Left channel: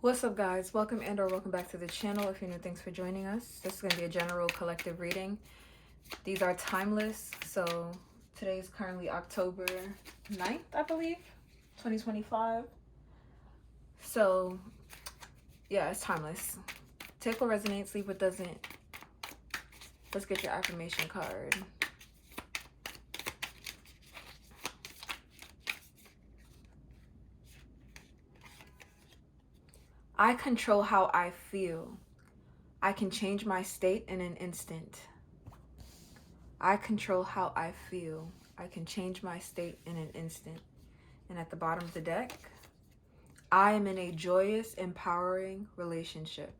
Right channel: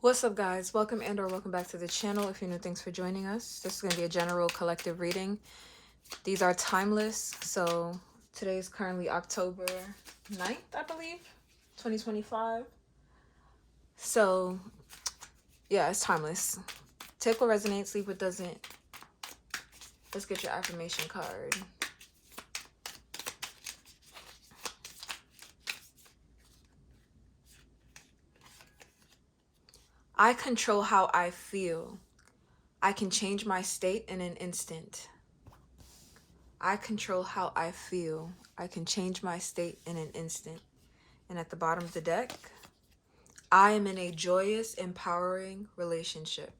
What's up, guys? Welcome and or welcome back to the channel. If you're new, thanks for joining us. This is going to be a general collective reading. These are timeless. So today is currently October 9th, I believe, 2025. So yeah, it's timeless. Take what resonates, leave what doesn't. Let's get your affirmation card. I control how I feel. I can change my state in an instant. I control how I feel. I can change my state in an instant. And at the bottom of the deck, I am in a joyous, empowering relationship.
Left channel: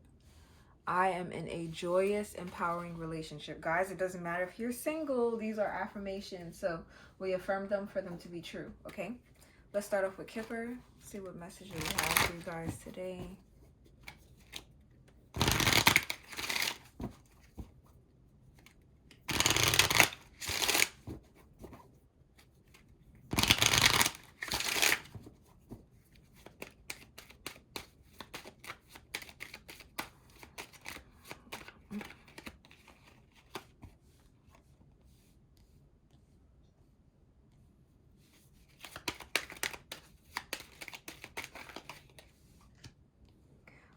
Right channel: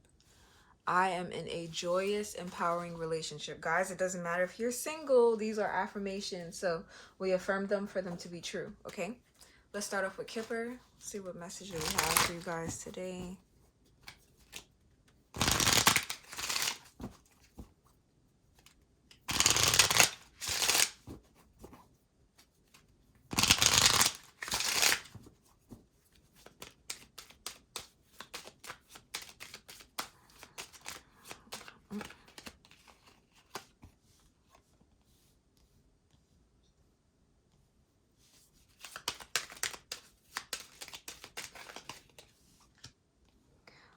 I am in a joyous, empowering relationship. Guys, it doesn't matter if you're single. These are affirmations. So we affirm them for them to be true. Okay? Let's start off with Kipper. See what message we have for you guys today.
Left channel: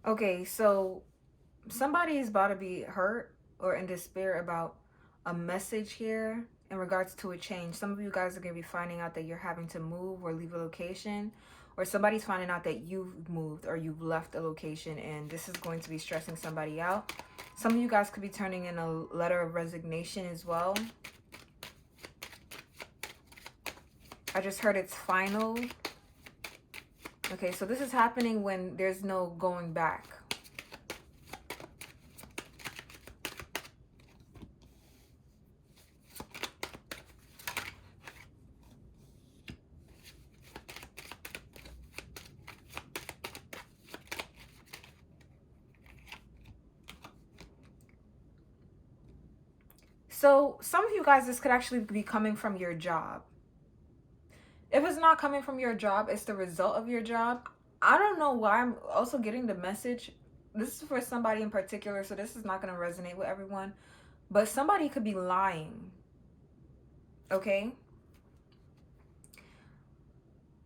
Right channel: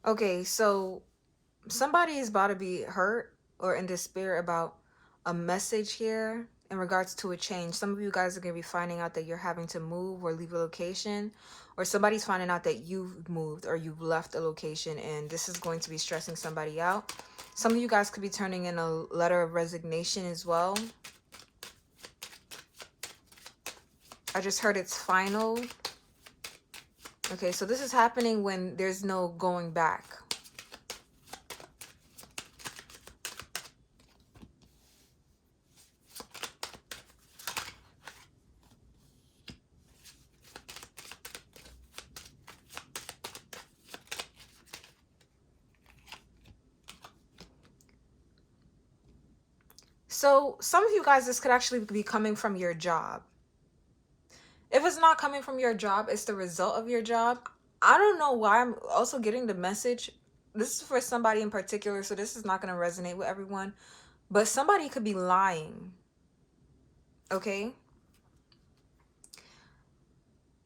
Okay, so somebody is about to be hurt or in despair about a message here in regards to a change. Some of you guys are going to be finding out that you're having to move or leave a location, or somebody's finding out that you've moved or you've left a location, and this is going to be stressing somebody out. Some of you guys could be turning in a letter of resignation as well. I just heard it's final. Okay, so this is happening when there's no going back. So some of you guys, this could actually be coming from your job. If it's not coming from your job, it's the result of your job. I don't know why I'm also getting the message. This is for somebody in particular, so this is not going to resonate with everyone. But somebody could be lying. Okay?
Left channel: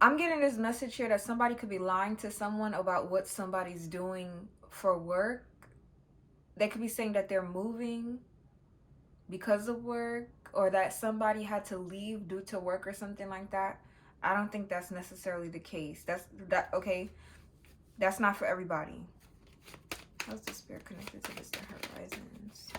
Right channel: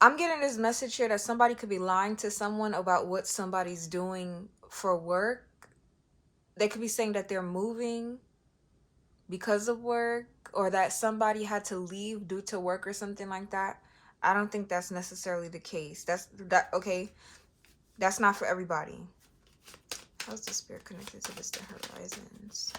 I'm getting this message here that somebody could be lying to someone about what somebody's doing for work. They could be saying that they're moving because of work, or that somebody had to leave due to work or something like that. I don't think that's necessarily the case. Okay. That's not for everybody. How's the spirit connected to this, the horizons?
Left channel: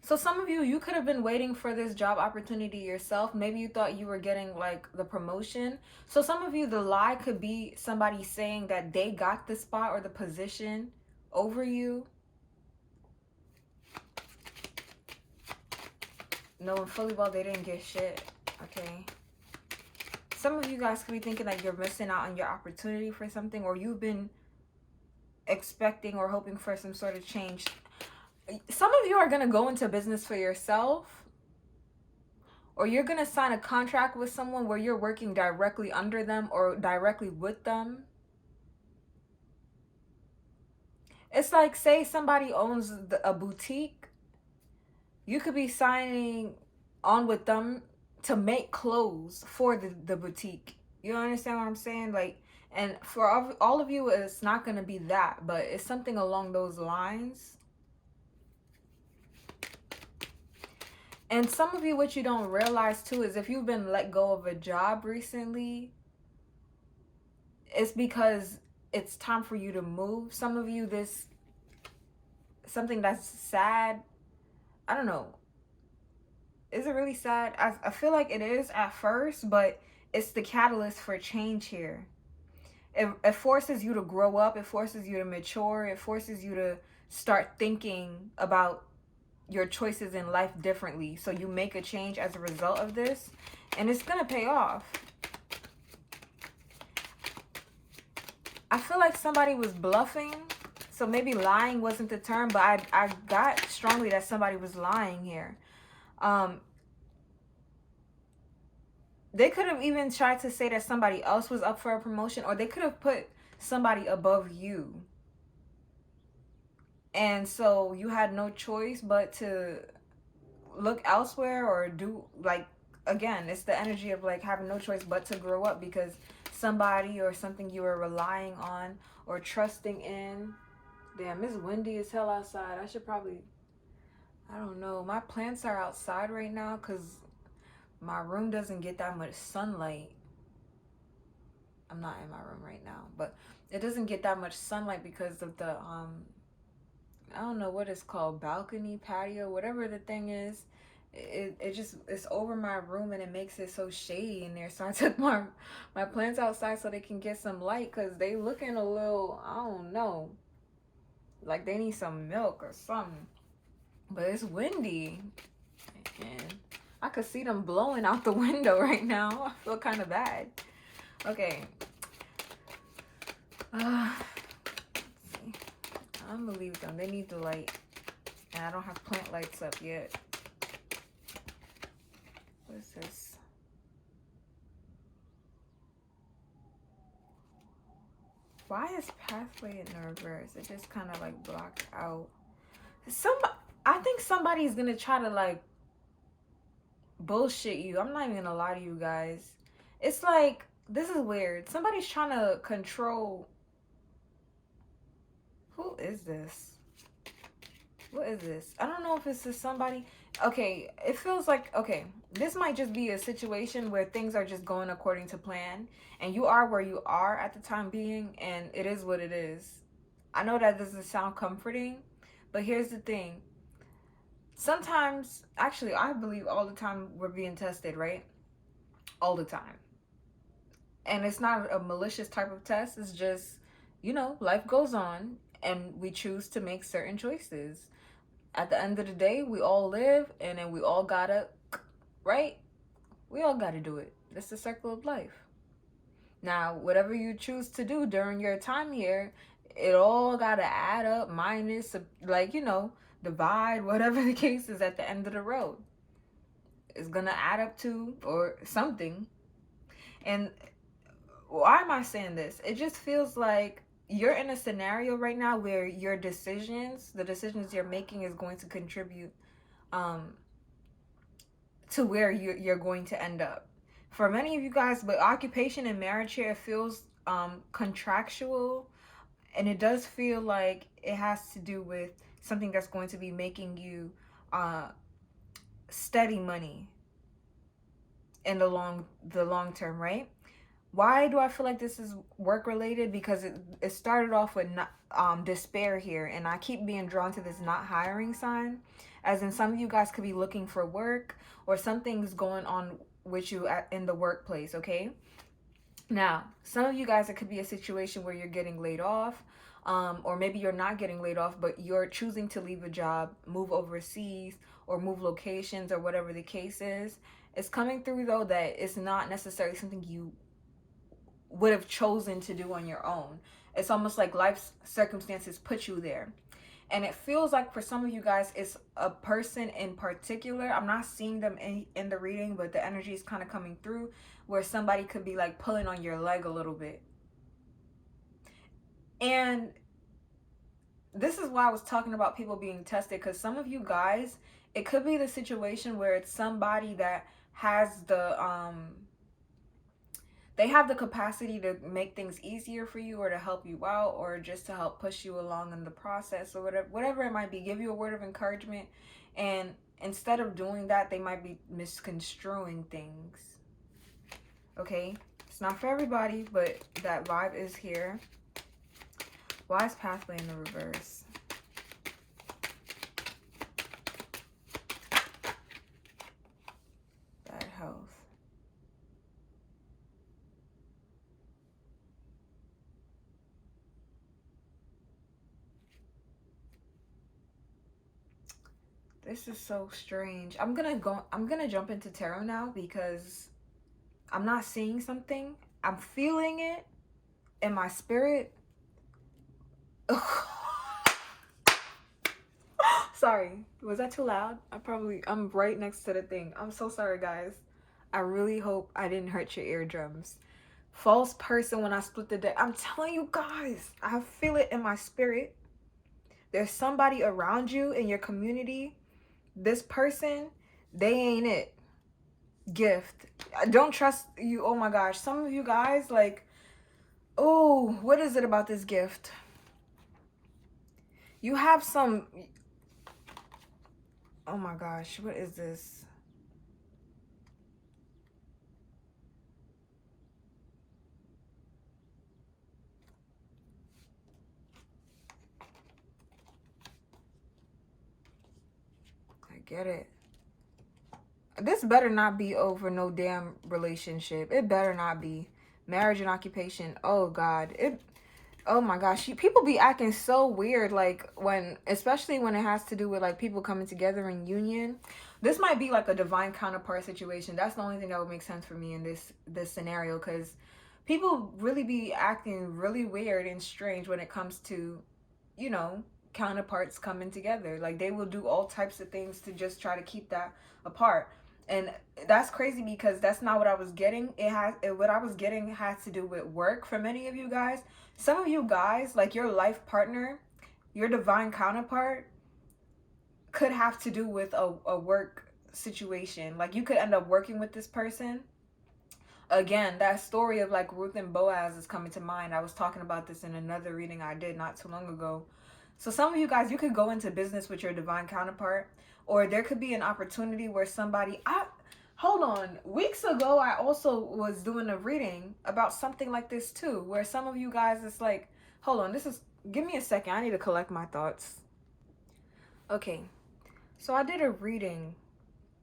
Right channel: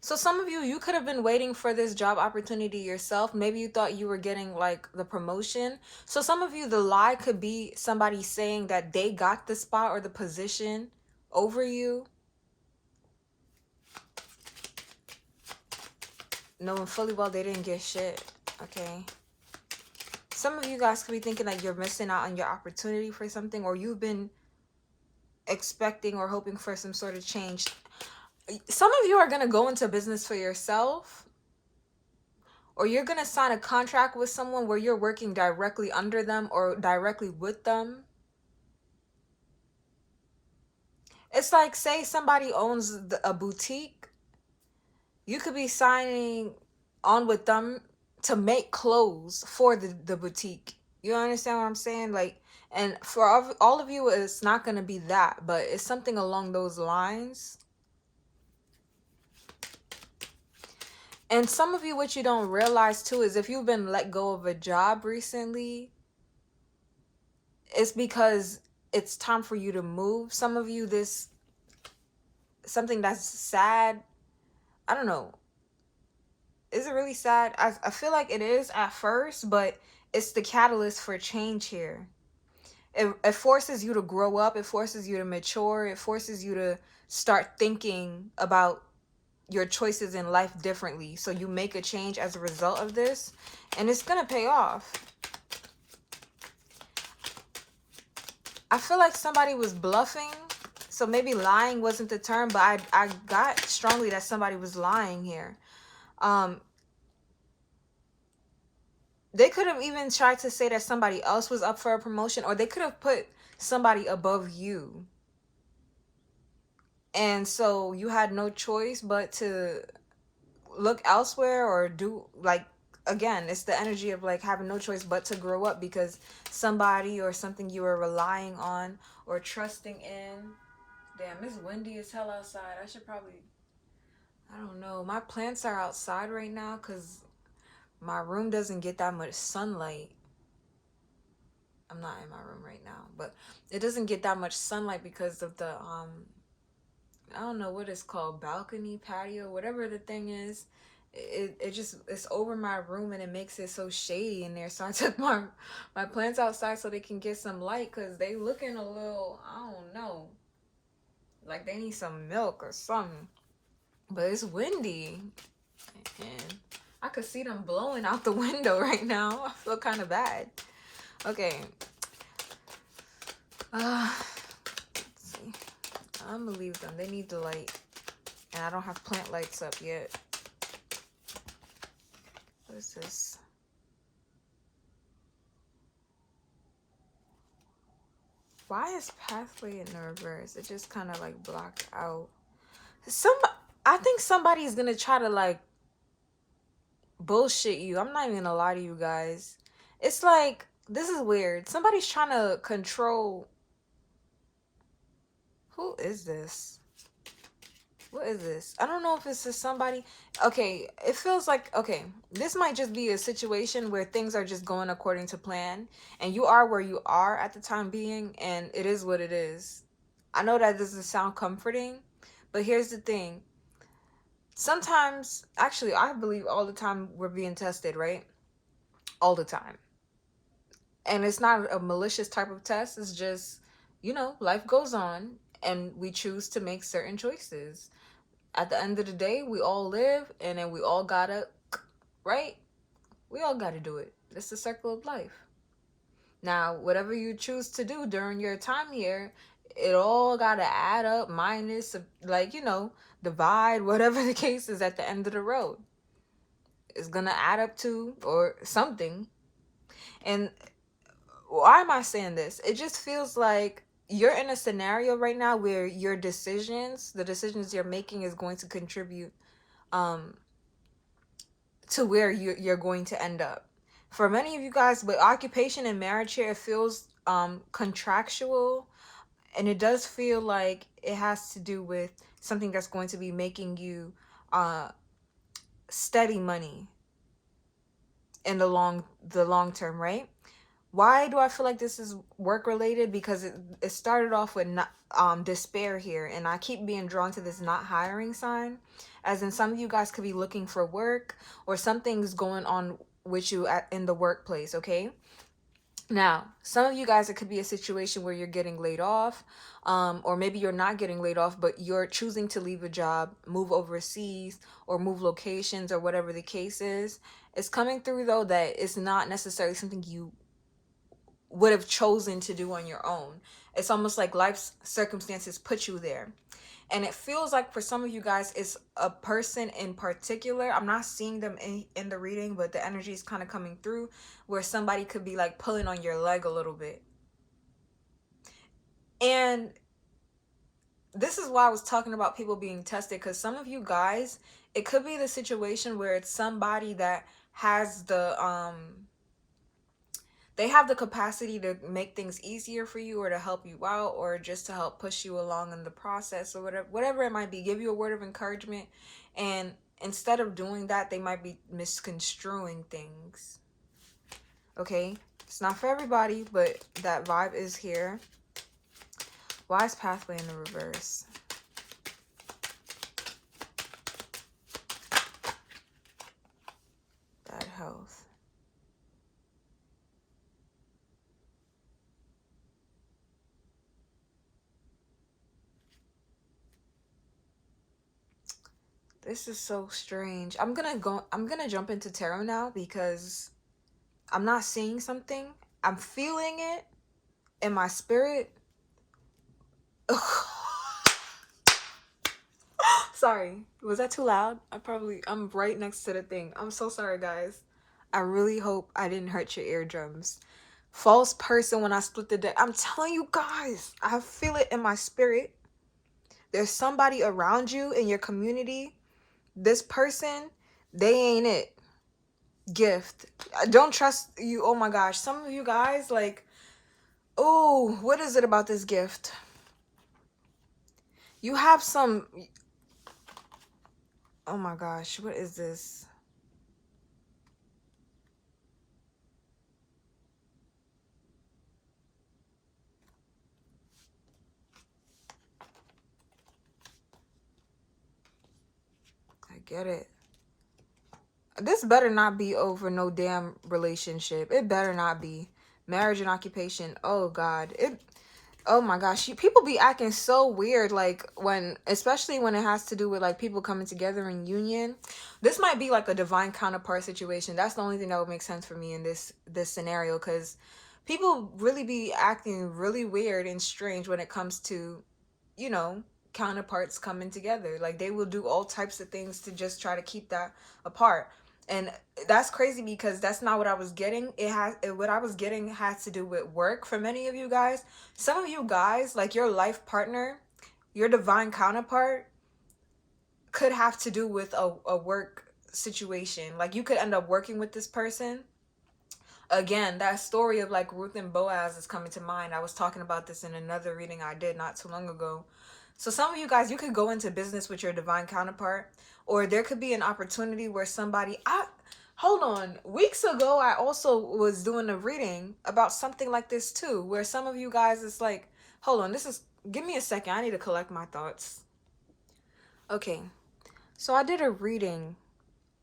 So some of you could have been waiting for this job opportunity yourself. Maybe you thought you were getting like the promotion. So some of you, the lie could be somebody saying that they got the spot or the position over you, knowing fully well they didn't get shit. Okay. Some of you guys could be thinking that you're missing out on your opportunity for something, or you've been expecting or hoping for some sort of change. Some of you are going to go into business for yourself, or you're going to sign a contract with someone where you're working directly under them or directly with them. It's like, say somebody owns a boutique. You could be signing on with them to make clothes for the boutique. You understand what I'm saying? Like, and for all of you, it's not going to be that, but it's something along those lines. And some of you, what you don't realize too, is if you've been let go of a job recently, it's because it's time for you to move. Some of you, something that's sad. I don't know. Is it really sad? I feel like it is at first, but it's the catalyst for change here. It forces you to grow up. It forces you to mature. It forces you to start thinking about your choices in life differently. So you make a change as a result of this, and it's gonna pay off. I feel like somebody was bluffing. So maybe lying wasn't the term, but I got strongly that somebody was lying here. Um, they could have even tried to say that somebody else was up for a promotion, or they could have put somebody above you. And so you had no choice but to look elsewhere or do like, again, it's the energy of like having no choice but to grow up because somebody or something you were relying on or trusting in. Damn, it's windy as hell outside. I should probably, I don't know. My plants are outside right now because my room doesn't get that much sunlight. I'm not in my room right now, but it doesn't get that much sunlight because of the I don't know what it's called, balcony, patio, whatever the thing is. It just, it's over my room and it makes it so shady in there. So I took my plants outside so they can get some light because they looking a little, I don't know, like they need some milk or something. But it's windy and I could see them blowing out the window right now. I feel kind of bad. Okay. Let's see. I'm gonna leave them. They need the light. And I don't have plant lights up yet. What is this? Why is pathway in reverse? It just kind of like blocked out. I think somebody's gonna try to like bullshit you. I'm not even gonna lie to you guys. It's like, this is weird. Somebody's trying to control. Who is this? What is this? I don't know if it's just somebody. Okay, it feels like, okay, this might just be a situation where things are just going according to plan and you are where you are at the time being and it is what it is. I know that doesn't sound comforting, but here's the thing. Sometimes, actually, I believe all the time we're being tested, right? All the time. And it's not a malicious type of test. It's just, life goes on and we choose to make certain choices. At the end of the day, we all live and then we all gotta, right? We all gotta do it. It's the circle of life. Now, whatever you choose to do during your time here, it all gotta add up, minus, like, divide, whatever the case is at the end of the road. It's gonna add up to, or something. And why am I saying this? It just feels like you're in a scenario right now where your decisions, the decisions you're making, is going to contribute um to where you're going to end up. For many of you guys, with occupation and marriage here, it feels contractual, and it does feel like it has to do with something that's going to be making you steady money in the long term, right? Why do I feel like this is work related? Because it started off with despair here, and I keep being drawn to this not hiring sign, as in some of you guys could be looking for work or something's going on with you in the workplace. Okay, now some of you guys, it could be a situation where you're getting laid off, or maybe you're not getting laid off, but you're choosing to leave a job, move overseas, or move locations, or whatever the case is. It's coming through though that it's not necessarily something you would have chosen to do on your own. It's almost like life's circumstances put you there. And it feels like for some of you guys, it's a person in particular. I'm not seeing them in the reading, but the energy is kind of coming through where somebody could be like pulling on your leg a little bit. And this is why I was talking about people being tested, because some of you guys, it could be the situation where it's somebody that has they have the capacity to make things easier for you or to help you out or just to help push you along in the process or whatever it might be, give you a word of encouragement. And instead of doing that, they might be misconstruing things. Okay, it's not for everybody, but that vibe is here. Wise pathway in the reverse. Bad health. This is so strange. I'm gonna jump into tarot now because I'm not seeing something. I'm feeling it in my spirit. Sorry, was that too loud? I'm right next to the thing. I'm so sorry, guys. I really hope I didn't hurt your eardrums. False person when I split the deck. I'm telling you guys, I feel it in my spirit. There's somebody around you in your community. This person, they ain't it. Gift. I don't trust you. Oh my gosh. Some of you guys, like, oh, what is it about this gift? You have some. Oh my gosh, what is this? I get it. This better not be over no damn relationship. It better not be. Marriage and occupation. Oh God. Oh my gosh. People be acting so weird, like when, especially when it has to do with like people coming together in union. This might be like a divine counterpart situation. That's the only thing that would make sense for me in this scenario, because people really be acting really weird and strange when it comes to, you know, counterparts coming together. Like they will do all types of things to just try to keep that apart. And that's crazy because that's not what I was getting. What I was getting has to do with work for many of you guys. Some of you guys, like your life partner, your divine counterpart, could have to do with a work situation. Like you could end up working with this person. Again, that story of like Ruth and Boaz is coming to mind. I was talking about this in another reading I did not too long ago. So some of you guys, you could go into business with your divine counterpart, or there could be an opportunity where somebody, hold on, weeks ago I also was doing a reading about something like this too, where some of you guys, it's like, hold on, give me a second, I need to collect my thoughts. Okay, so I did a reading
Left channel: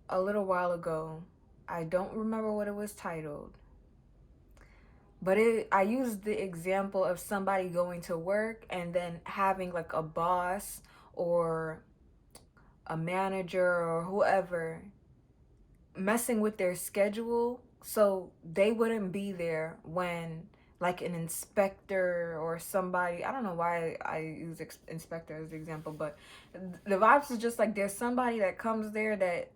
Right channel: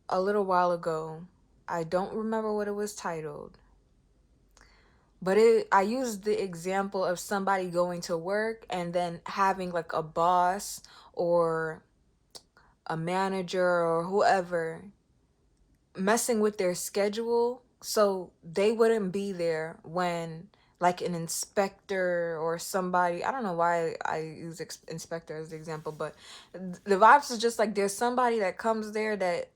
a little while ago. I don't remember what it was titled, but I used the example of somebody going to work and then having like a boss or a manager or whoever messing with their schedule so they wouldn't be there when like an inspector or somebody, I don't know why I use inspector as the example, but the vibes is just like there's somebody that comes there that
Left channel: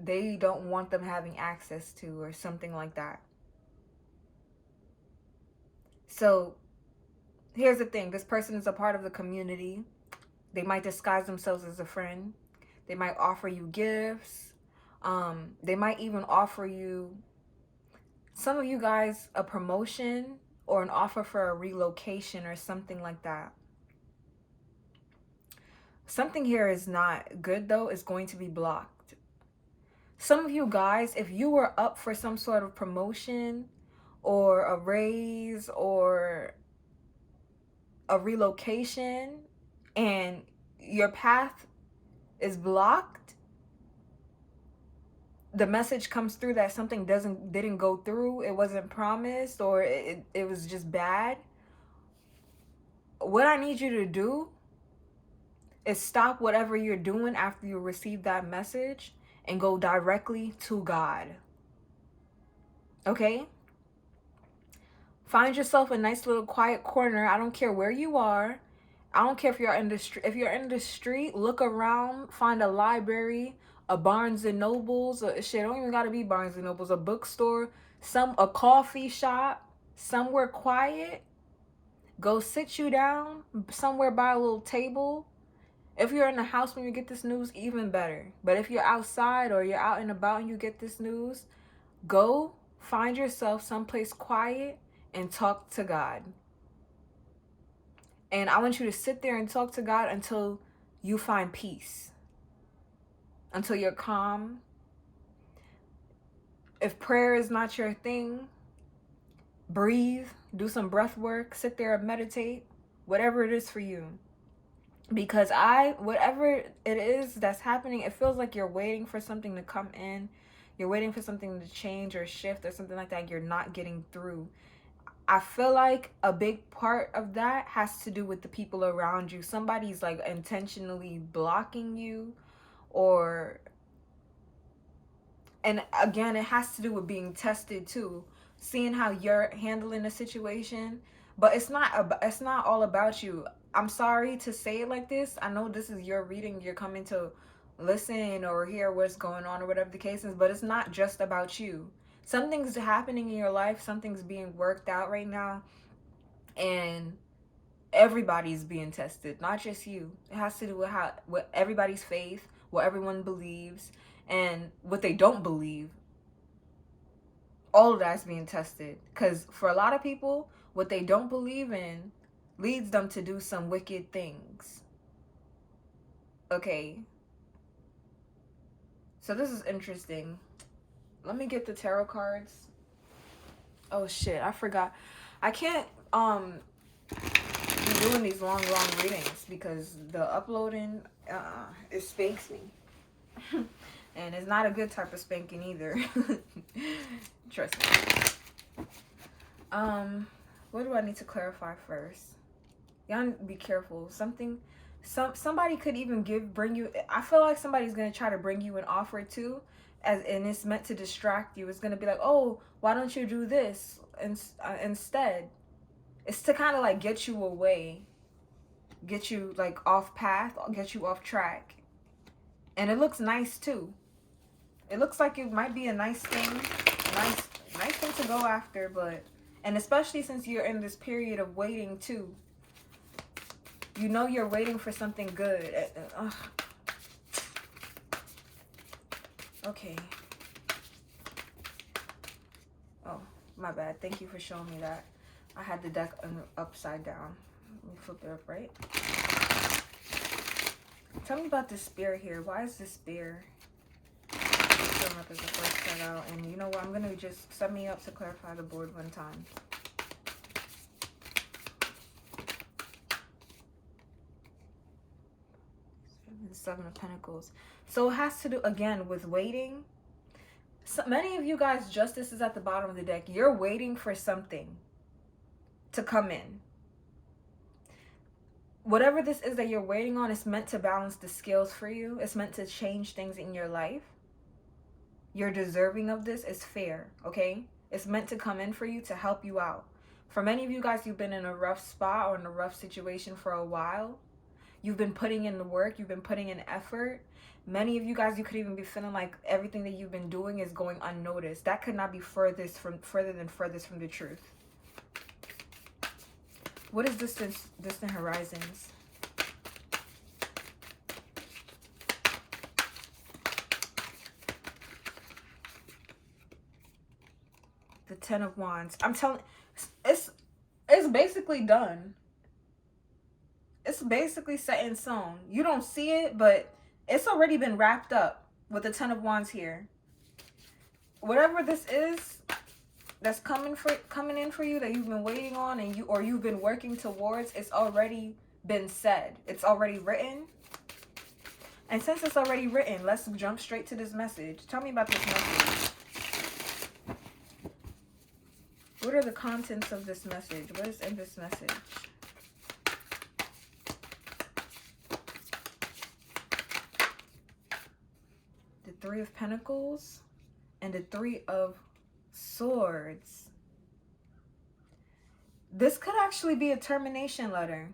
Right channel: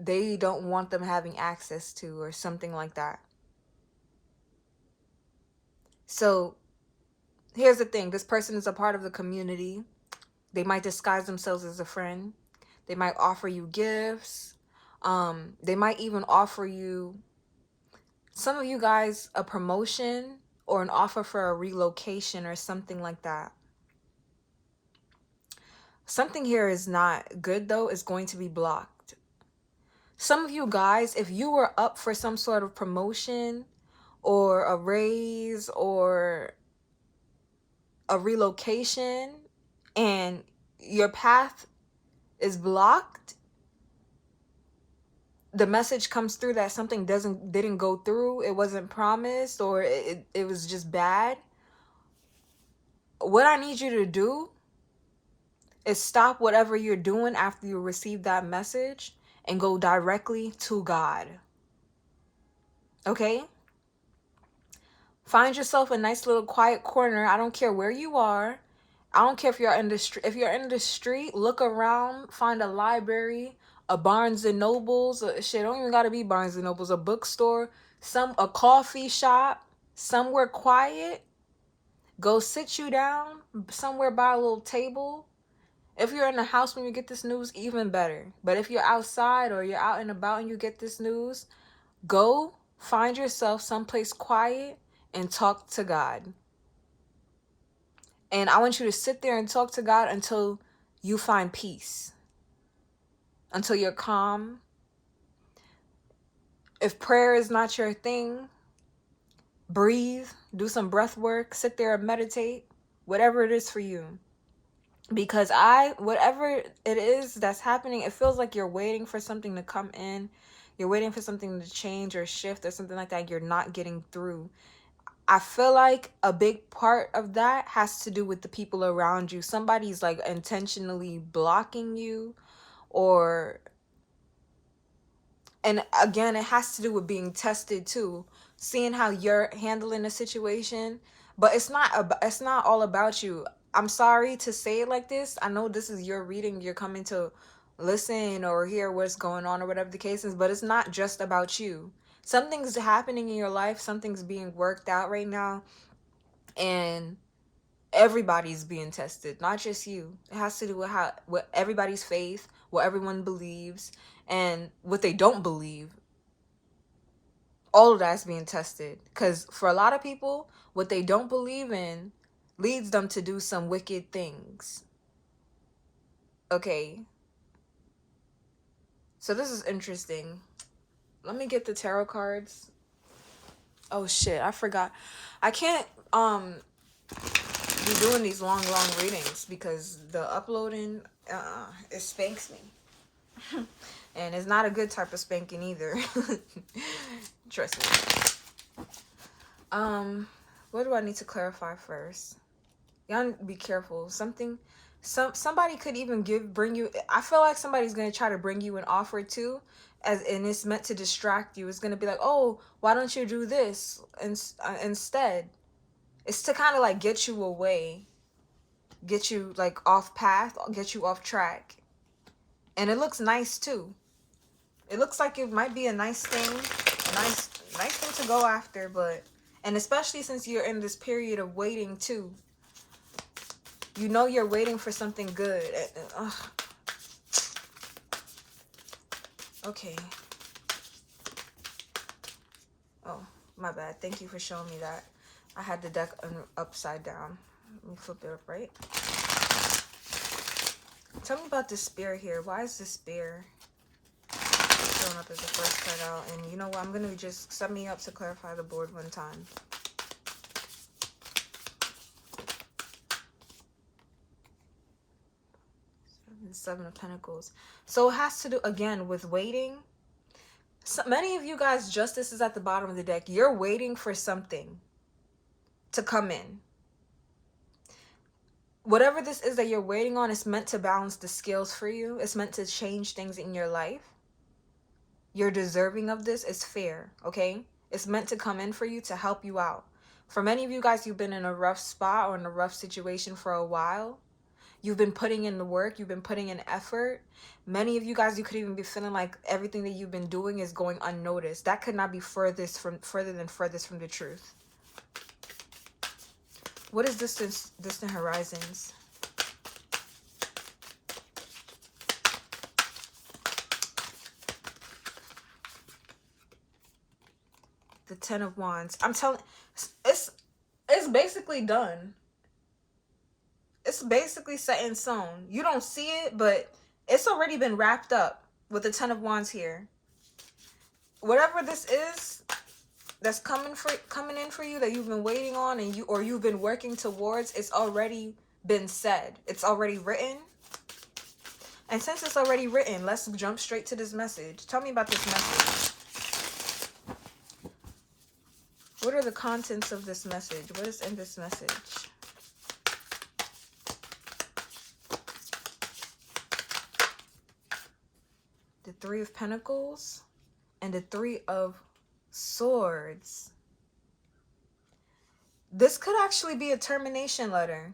they don't want them having access to or something like that. So here's the thing, this person is a part of the community. They might disguise themselves as a friend. They might offer you gifts. They might even offer you, some of you guys, a promotion or an offer for a relocation or something like that. Something here is not good though, is going to be blocked. Some of you guys, if you were up for some sort of promotion or a raise or a relocation and your path is blocked, the message comes through that something didn't go through, it wasn't promised, or it was just bad. What I need you to do is stop whatever you're doing after you receive that message and go directly to God. Okay? Find yourself a nice little quiet corner. I don't care where you are. I don't care if you're in the street. If you're in the street, look around, find a library, a Barnes and Nobles, shit, don't even gotta be Barnes and Nobles, a bookstore, a coffee shop, somewhere quiet. Go sit you down somewhere by a little table. If you're in the house when you get this news, even better. But if you're outside or you're out and about and you get this news, go find yourself someplace quiet and talk to God. And I want you to sit there and talk to God until you find peace, until you're calm. If prayer is not your thing, breathe, do some breath work, sit there and meditate, whatever it is for you. Because whatever it is that's happening, it feels like you're waiting for something to come in. You're waiting for something to change or shift or something like that. You're not getting through. I feel like a big part of that has to do with the people around you. Somebody's like intentionally blocking you, or, and again, it has to do with being tested too, seeing how you're handling the situation. But it's not all about you. I'm sorry to say it like this. I know this is your reading. You're coming to listen or hear what's going on or whatever the case is, but it's not just about you. Something's happening in your life. Something's being worked out right now. And everybody's being tested, not just you. It has to do with how, with everybody's faith, what everyone believes, and what they don't believe. All of that's being tested. Because for a lot of people, what they don't believe in leads them to do some wicked things. Okay. So this is interesting. Let me get the tarot cards. Oh shit, I forgot. I can't be doing these long readings because the uploading it spanks me. And it's not a good type of spanking either. Trust me. What do I need to clarify first? Y'all be careful. Somebody could even bring you. I feel like somebody's gonna try to bring you an offer too, and it's meant to distract you. It's gonna be like, oh, why don't you do this instead? It's to kind of like get you away, get you like off path, get you off track, and it looks nice too. It looks like it might be a nice thing, nice thing to go after, but and especially since you're in this period of waiting too. You know you're waiting for something good. Okay. Oh, my bad. Thank you for showing me that. I had the deck upside down. Let me flip it up, right? Tell me about this spear here. Why is this spear showing up as the first card out? And you know what? I'm going to just set me up to clarify the board one time. Seven of Pentacles. So it has to do, again, with waiting. So many of you guys, justice is at the bottom of the deck. You're waiting for something to come in. Whatever this is that you're waiting on, it's meant to balance the scales for you. It's meant to change things in your life. You're deserving of this. It's fair, okay? It's meant to come in for you to help you out. For many of you guys, you've been in a rough spot or in a rough situation for a while. You've been putting in the work. You've been putting in effort. Many of you guys, you could even be feeling like everything that you've been doing is going unnoticed. That could not be further than furthest from the truth. What is distant horizons? The Ten of Wands. I'm telling, it's basically done. It's basically set in stone. You don't see it, but it's already been wrapped up with the Ten of Wands here. Whatever this is that's coming in for you that you've been waiting on and you've been working towards, it's already been said. It's already written. And since it's already written, let's jump straight to this message. Tell me about this message. What are the contents of this message? What is in this message? The Three of Pentacles and the Three of Swords. This could actually be a termination letter.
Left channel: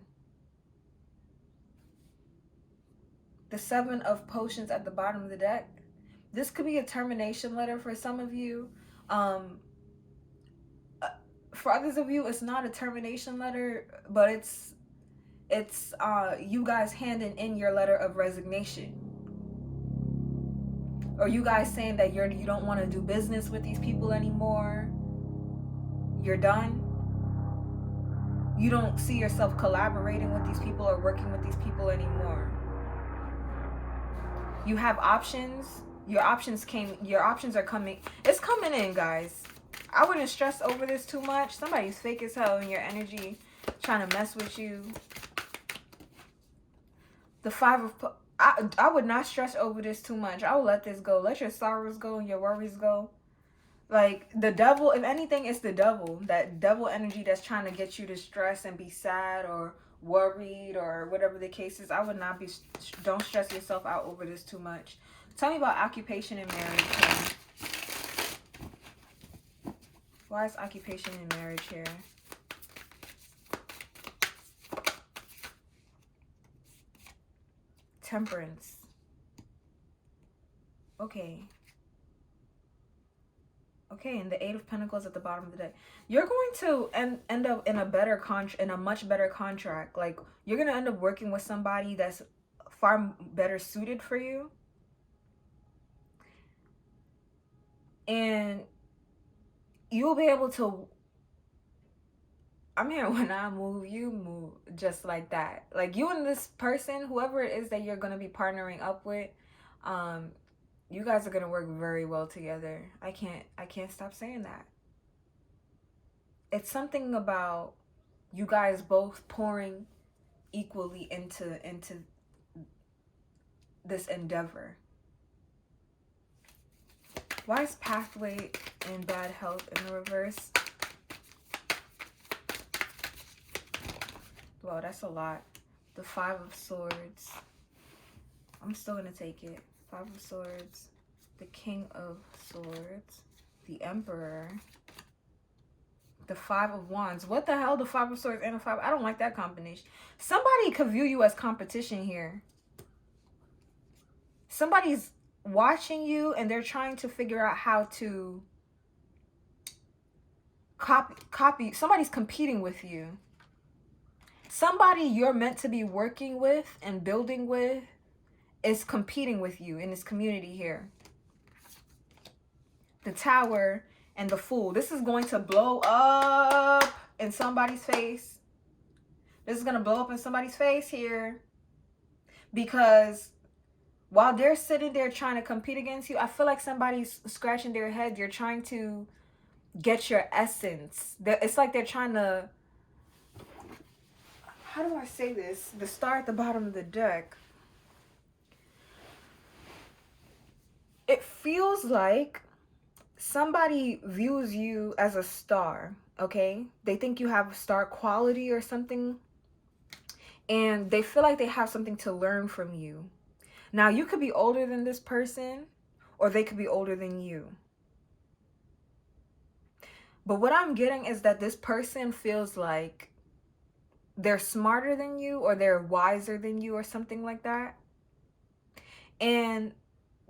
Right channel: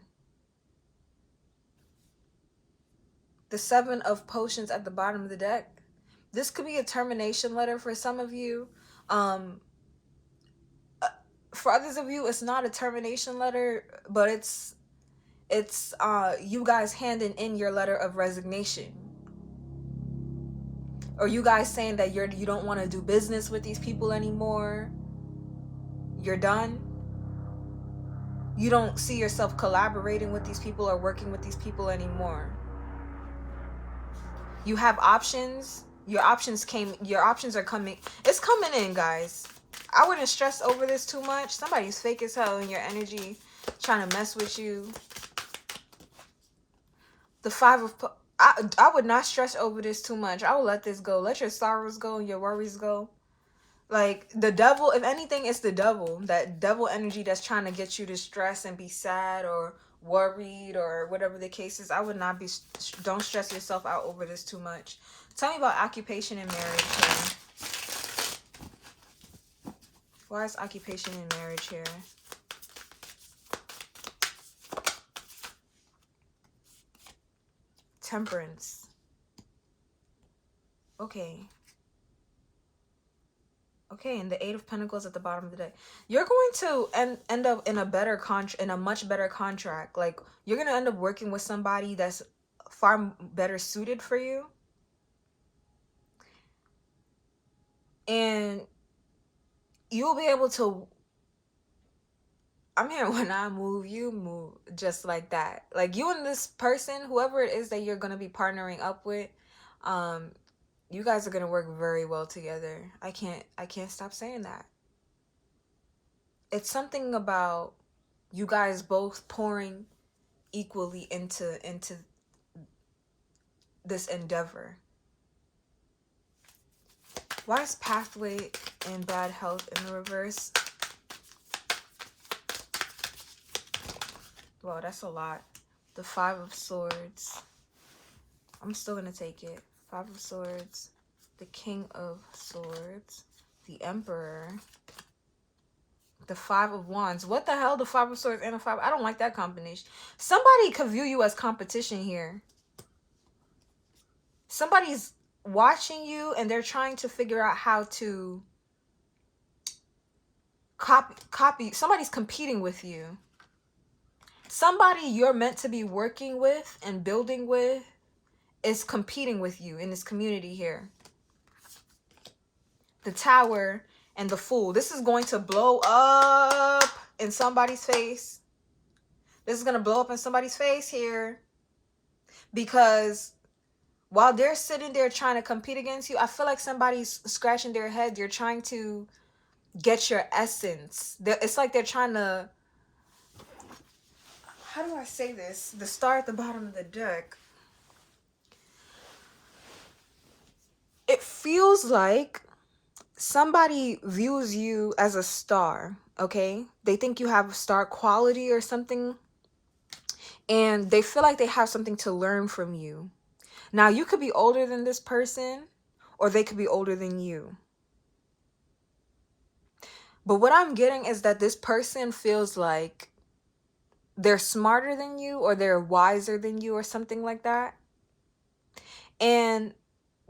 The Seven of Potions at the bottom of the deck. This could be a termination letter for some of you. For others of you, it's not a termination letter, but it's you guys handing in your letter of resignation. Or you guys saying that you don't want to do business with these people anymore. You're done. You don't see yourself collaborating with these people or working with these people anymore. You have options. Your options are coming. It's coming in, guys. I wouldn't stress over this too much. Somebody's fake as hell in your energy, trying to mess with you. The Five of... I would not stress over this too much. I would let this go. Let your sorrows go and your worries go. Like, the devil, if anything, it's the devil. That devil energy that's trying to get you to stress and be sad or worried or whatever the case is. I would not be... Don't stress yourself out over this too much. Tell me about occupation and marriage here. Why is occupation and marriage here? Temperance. Okay. Okay, and the Eight of Pentacles at the bottom of the deck. You're going to end up in a better in a much better contract. Like, you're going to end up working with somebody that's far better suited for you. And you'll be able to, I'm here, when I move, you move, just like that. Like, you and this person, whoever it is that you're going to be partnering up with, you guys are going to work very well together. I can't stop saying that. It's something about you guys both pouring equally into this endeavor. Why is pathway in bad health in the reverse? Well, that's a lot. The Five of Swords. I'm still gonna take it. Five of Swords. The King of Swords. The Emperor. The Five of Wands. What the hell? The Five of Swords and the Five. I don't like that combination. Somebody could view you as competition here. Somebody's watching you and they're trying to figure out how to copy. Somebody's competing with you. Somebody you're meant to be working with and building with is competing with you in this community here. The Tower and the Fool. This is going to blow up in somebody's face. This is going to blow up in somebody's face here. Because while they're sitting there trying to compete against you, I feel like somebody's scratching their head. They're trying to get your essence. It's like they're trying to... How do I say this? The star at the bottom of the deck. It feels like somebody views you as a star, okay? They think you have star quality or something. And they feel like they have something to learn from you. Now, you could be older than this person, or they could be older than you. But what I'm getting is that this person feels like they're smarter than you, or they're wiser than you, or something like that. And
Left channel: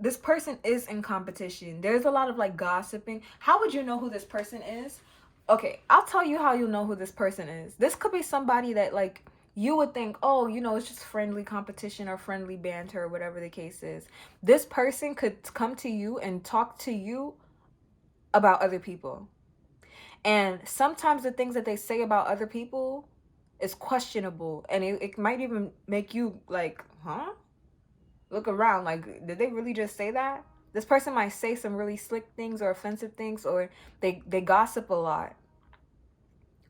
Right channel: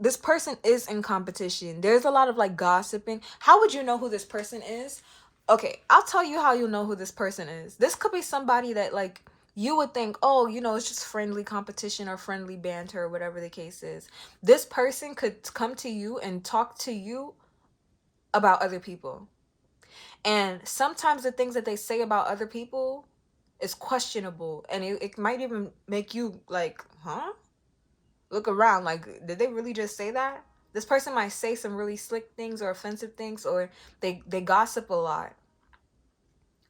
this person is in competition. There's a lot of like gossiping. How would you know who this person is? Okay, I'll tell you how you know who this person is. This could be somebody that like you would think, oh, you know, it's just friendly competition or friendly banter or whatever the case is. This person could come to you and talk to you about other people. And sometimes the things that they say about other people is questionable. And it might even make you like, huh? Look around, like, did they really just say that? This person might say some really slick things or offensive things, or they gossip a lot.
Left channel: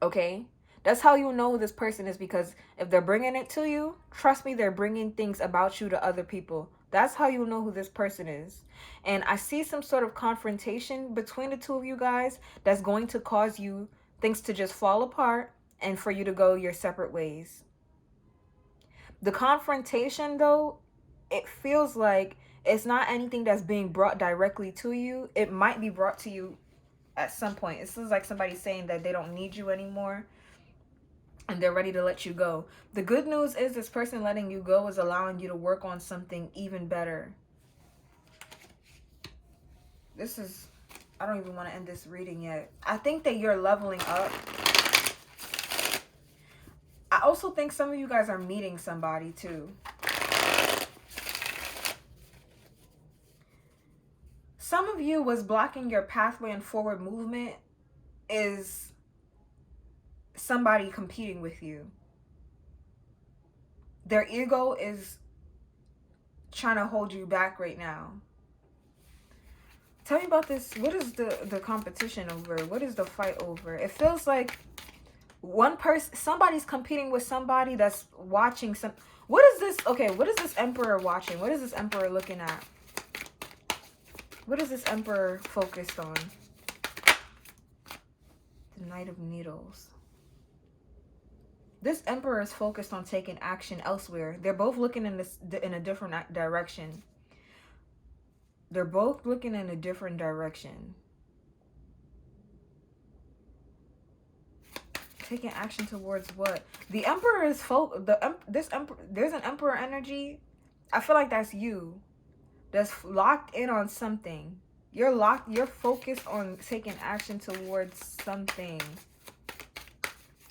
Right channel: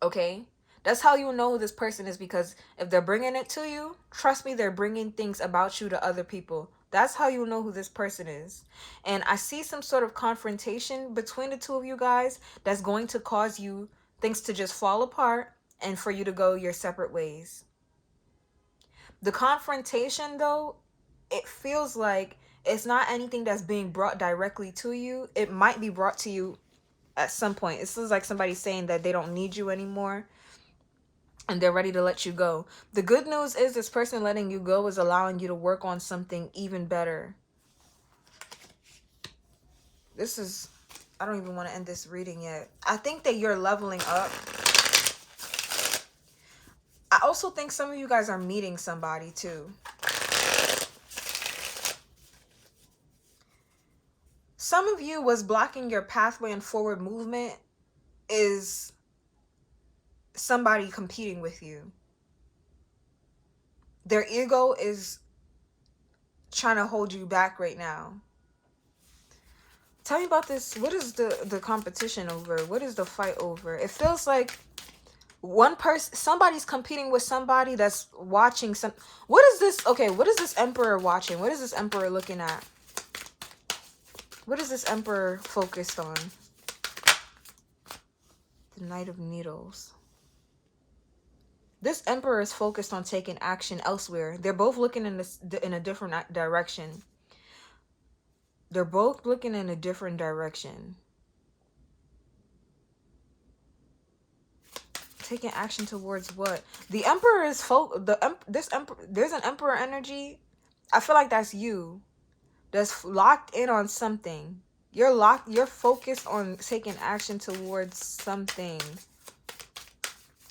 Okay? That's how you know who this person is, because if they're bringing it to you, trust me, they're bringing things about you to other people. That's how you know who this person is. And I see some sort of confrontation between the two of you guys that's going to cause you things to just fall apart and for you to go your separate ways. The confrontation, though, it feels like it's not anything that's being brought directly to you. It might be brought to you at some point. This is like somebody saying that they don't need you anymore and they're ready to let you go. The good news is this person letting you go is allowing you to work on something even better. This is... I don't even want to end this reading yet. I think that you're leveling up. I also think some of you guys are meeting somebody too. Some of you, was blocking your pathway and forward movement is somebody competing with you. Their ego is trying to hold you back right now. Tell me about this. What is the competition over? What is the fight over? It feels like one person, somebody's competing with somebody that's watching some... What is this? Okay, what is this Emperor watching? What is this Emperor looking at? What is this Emperor focused on? The Knight of Needles. This Emperor is focused on taking action elsewhere. They're both looking in a different direction. They're both looking in a different direction. Taking action towards what? The Emperor is there's an Emperor energy I feel like that's you. That's locked in on something. You're focused on taking action towards something.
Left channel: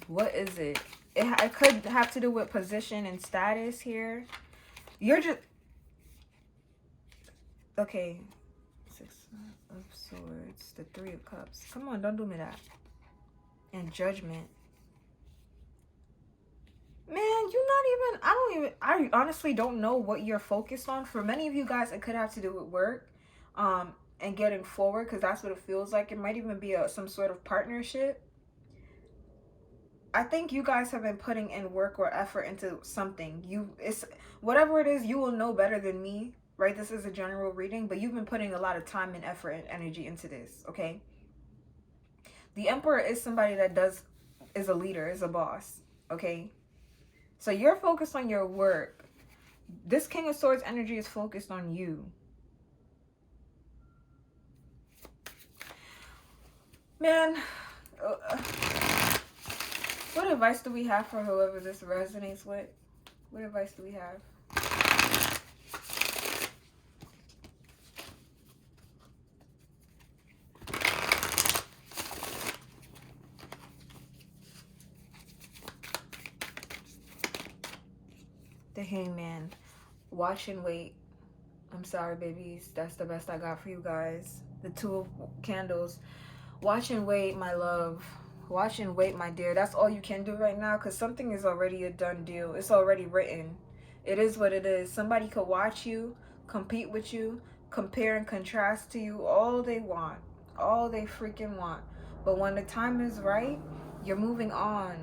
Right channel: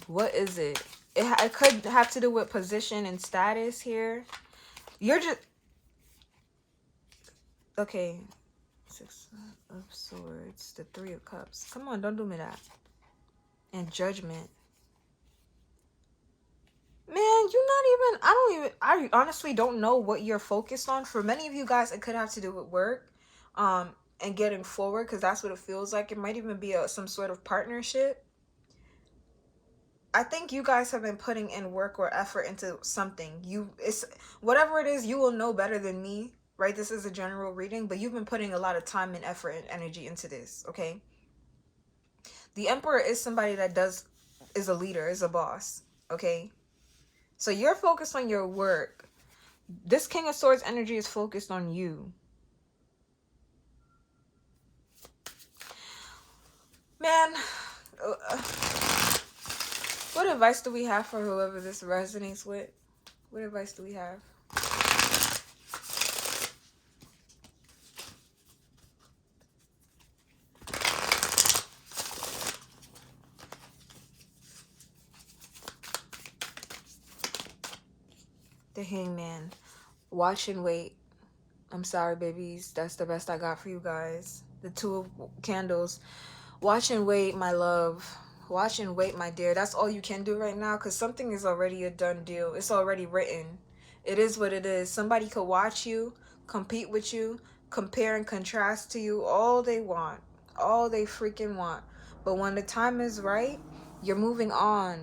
What is it? It could have to do with position and status here. You're just okay. Six of Swords, the Three of Cups. Come on, don't do me that. And Judgment. Man, you're not even, I honestly don't know what you're focused on. For many of you guys, it could have to do with work, and getting forward, because that's what it feels like. It might even be some sort of partnership. I think you guys have been putting in work or effort into something. It's whatever it is, you will know better than me, right? This is a general reading, but you've been putting a lot of time and effort and energy into this, okay? The Emperor is somebody that is a leader, is a boss, okay? So you're focused on your work. This King of Swords energy is focused on you. Man, what advice do we have for whoever this resonates with? What advice do we have? The Hangman. Watch and wait. I'm sorry, babies. That's the best I got for you guys. The Two of Candles. Watch and wait, my love. Watch and wait, my dear. That's all you can do right now, because something is already a done deal. It's already written. It is what it is. Somebody could watch you, compete with you, compare and contrast to you all they want. All they freaking want. But when the time is right, you're moving on.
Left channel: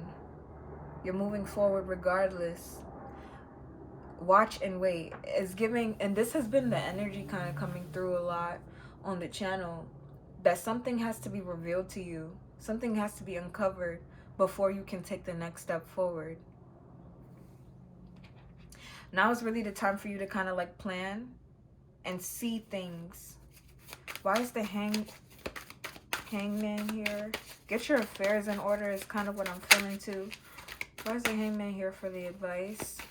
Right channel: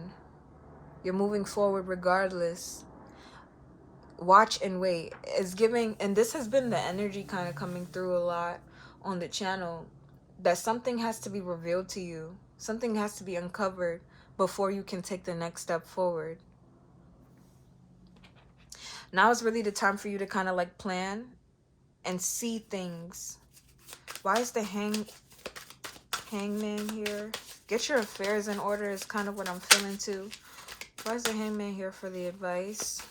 You're moving forward regardless. Watch and wait is giving, and this has been the energy kind of coming through a lot on the channel, that something has to be revealed to you, something has to be uncovered before you can take the next step forward. Now is really the time for you to kind of like plan and see things. Why is the hangman here? Get your affairs in order is kind of what I'm feeling too. Why is the Hangman here for the advice?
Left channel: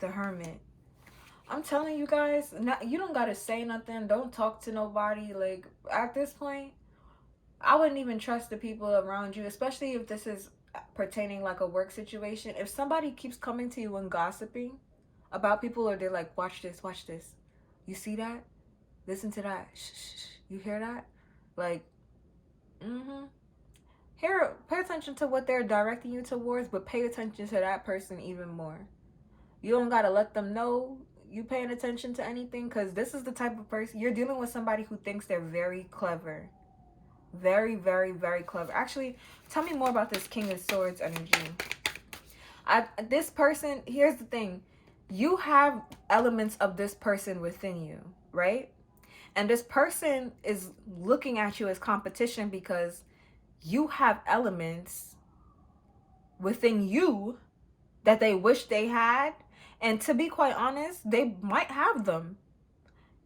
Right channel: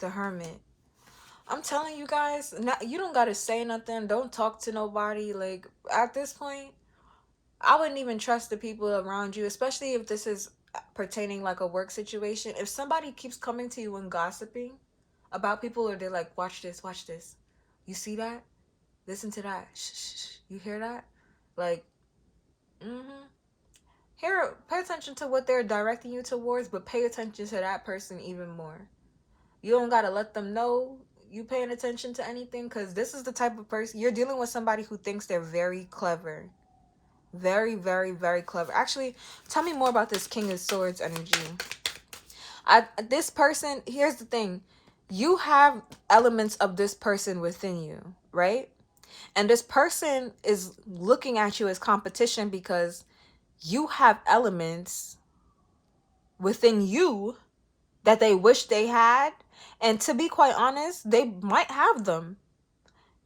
The Hermit. I'm telling you guys, you don't gotta say nothing. Don't talk to nobody. Like, at this point, I wouldn't even trust the people around you, especially if this is pertaining like a work situation. If somebody keeps coming to you and gossiping about people, or they're like, watch this, you see that, listen to that, shh, you hear that, like, here, pay attention to what they're directing you towards, but pay attention to that person even more. You don't gotta let them know you paying attention to anything, because this is the type of person you're dealing with. Somebody who thinks they're very clever. Very, very, very clever. Actually, tell me more about this King of Swords energy. This person, here's the thing. You have elements of this person within you, right? And this person is looking at you as competition because you have elements within you that they wish they had. And to be quite honest, they might have them.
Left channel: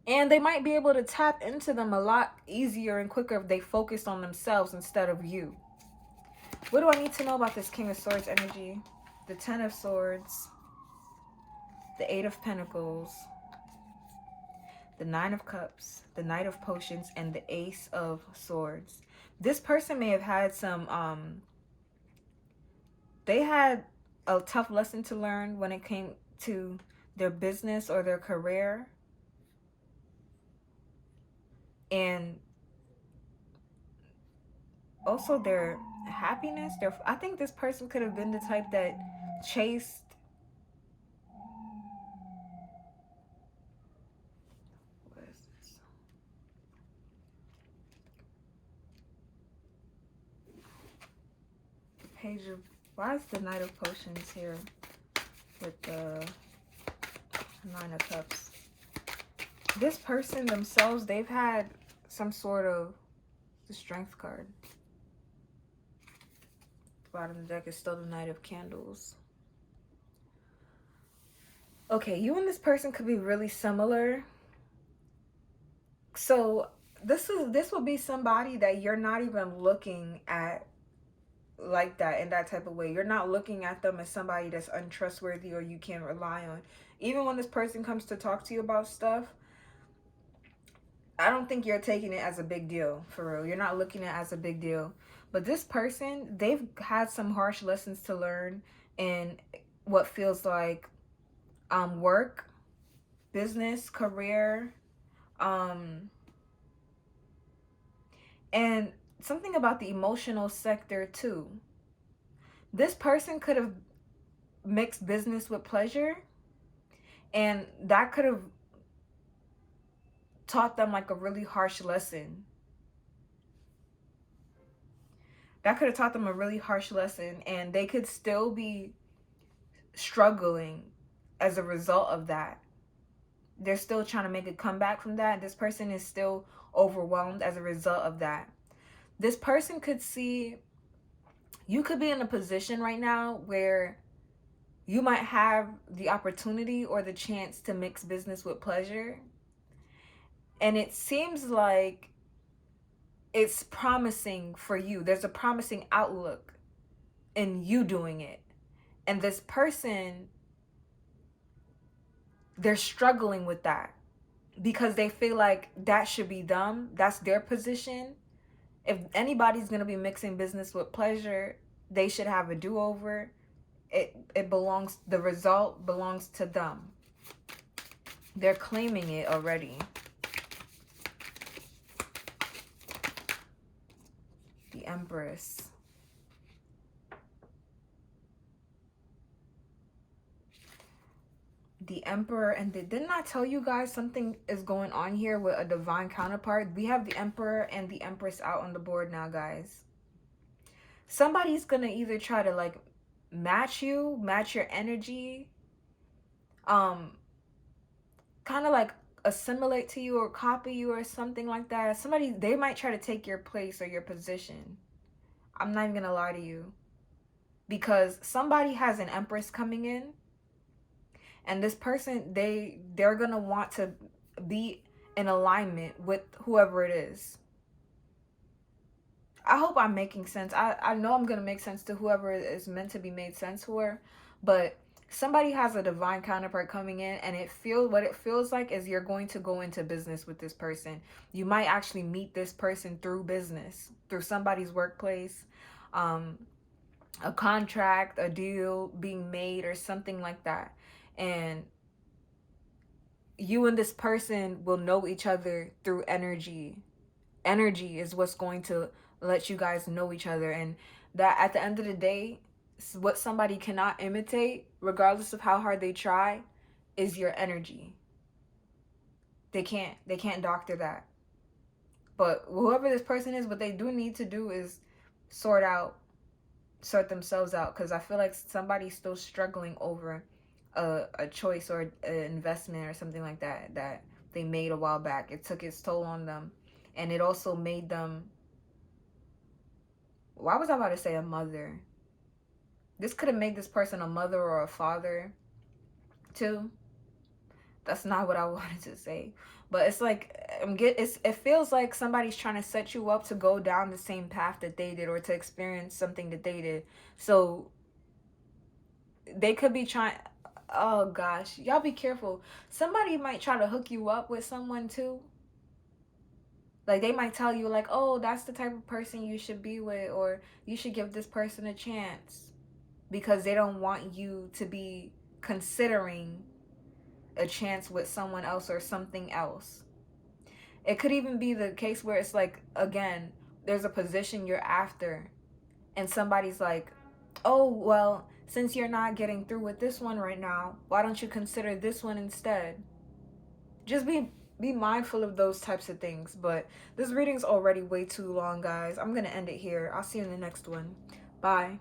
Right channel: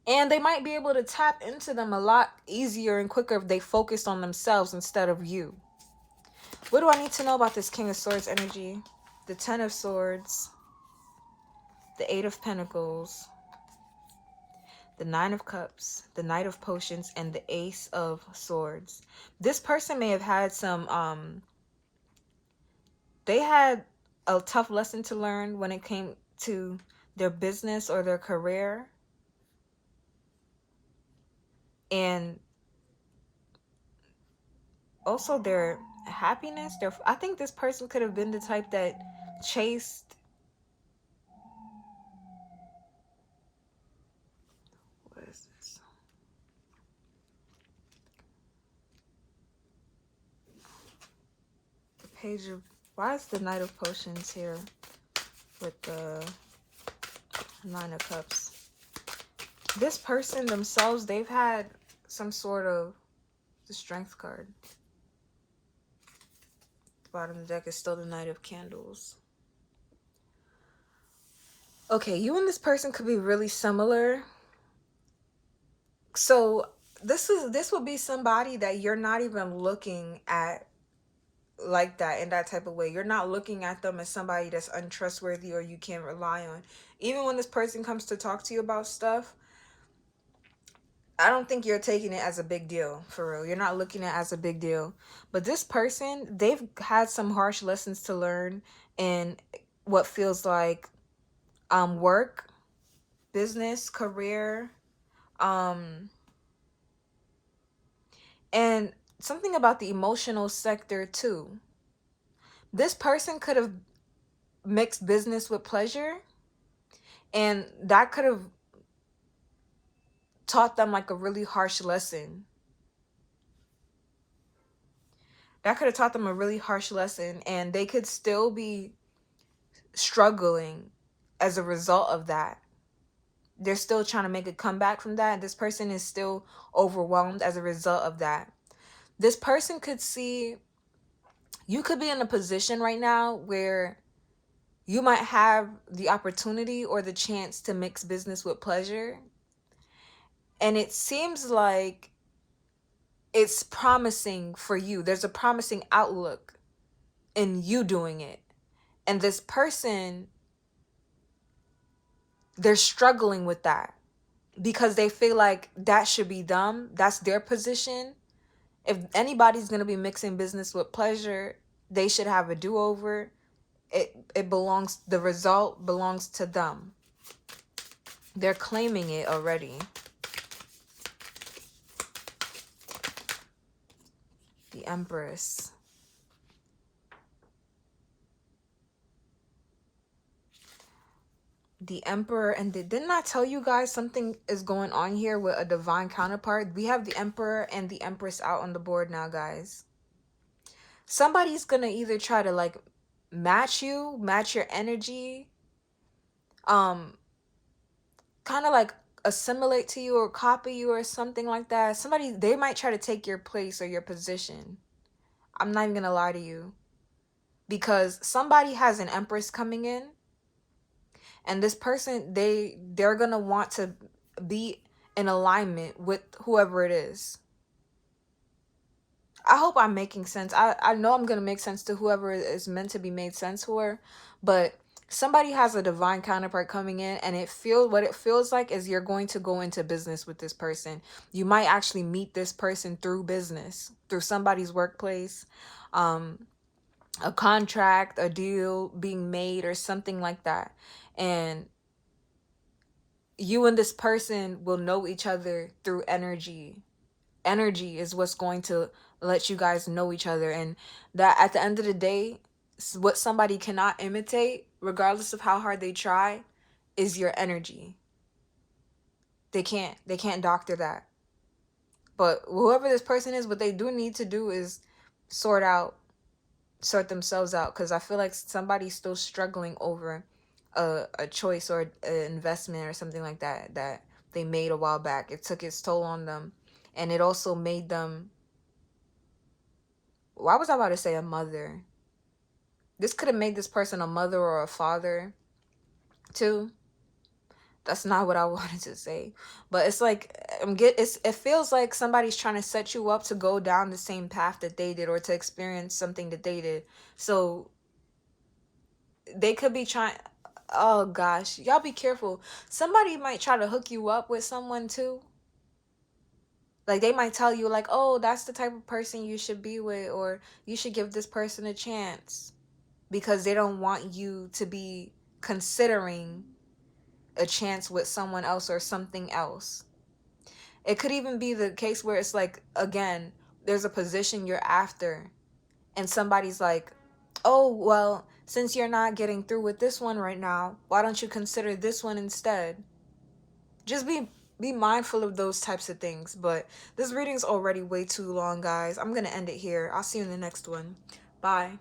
And they might be able to tap into them a lot easier and quicker if they focused on themselves instead of you. What do I need to know about this King of Swords energy? The Ten of Swords. The Eight of Pentacles. The Nine of Cups. The Knight of Potions. And the Ace of Swords. This person may have had some, they had a tough lesson to learn when it came to their business or their career. And also their happiness. I think this person could have been the type that chased Page of, why is the Knight of Potions here with the Nine of Cups? This person themselves, they've had some sort of, the Strength card. The bottom of the deck is still the Knight of Candles. Okay, you and this person could be really similar. So this would be somebody that you're not even looking at like that, in that type of way. You're not looking at them as somebody that's untrustworthy or you can't rely on. Even when this person comes to talk to you about stuff, I don't think you're taking it as a big deal, for real. You're not looking at it as a big deal. But this person, they've had some harsh lessons to learn in what feels like work, business, career, um and something about the emotional sector too. This person could have mixed business with pleasure, and that could have taught them like a really harsh lesson. That could have taught them a really harsh lesson, and they could still be struggling as a result of that. They're still trying to make a comeback from that. This person is still overwhelmed as a result of that. This person could see, you could be in a position right now where you might have the opportunity or the chance to mix business with pleasure. And it seems like it's promising for you. There's a promising outlook in you doing it. And this person, they're struggling with that because they feel like that should be them. That's their position. If anybody's going to be mixing business with pleasure, they should have a do-over. It belongs, the result belongs to them. They're claiming it already. The Empress. The Emperor. And didn't I tell you guys something is going on here with a divine counterpart? We have the Emperor and the Empress out on the board now, guys. Somebody's gonna either try to like match you, match your energy, kind of like assimilate to you or copy you or something like that. Somebody, they might try to take your place or your position. I'm not even gonna lie to you, because somebody has an Empress coming in, and this person, they're gonna want to be in alignment with whoever it is. I hope I'm making sense. I know I'm gonna make sense to whoever is meant to be made sense for, but somebody has a divine counterpart coming in, and what it feels like is you're going to go into business with this person. You might actually meet this person through business, through somebody's workplace, a contract, a deal being made, or something like that. And you and this person will know each other through energy. Energy is what's going to let you guys know each other. And that, at the end of the day, what somebody cannot imitate, regardless of how hard they try, is your energy. They can't doctor that. But whoever this person is, what they do need to do is sort themselves out, because I feel like somebody's still struggling over a choice or an investment or something like that that they made a while back. It took its toll on them, and it also made them, why was I about to say a mother? This could have made this person a mother or a father too. That's not what I wanted to say, but it's like it feels like somebody's trying to set you up to go down the same path that they did, or to experience something that they did. So they could be trying, oh gosh, y'all be careful. Somebody might try to hook you up with someone too. Like, they might tell you like, oh, that's the type of person you should be with, or you should give this person a chance, because they don't want you to be considering a chance with someone else or something else. It could even be the case where it's like, again, there's a position you're after, and somebody's like, oh, well, since you're not getting through with this one right now, why don't you consider this one instead? Just be mindful of those types of things. But this reading's already way too long, guys. I'm gonna end it here. I'll see you in the next one. Bye.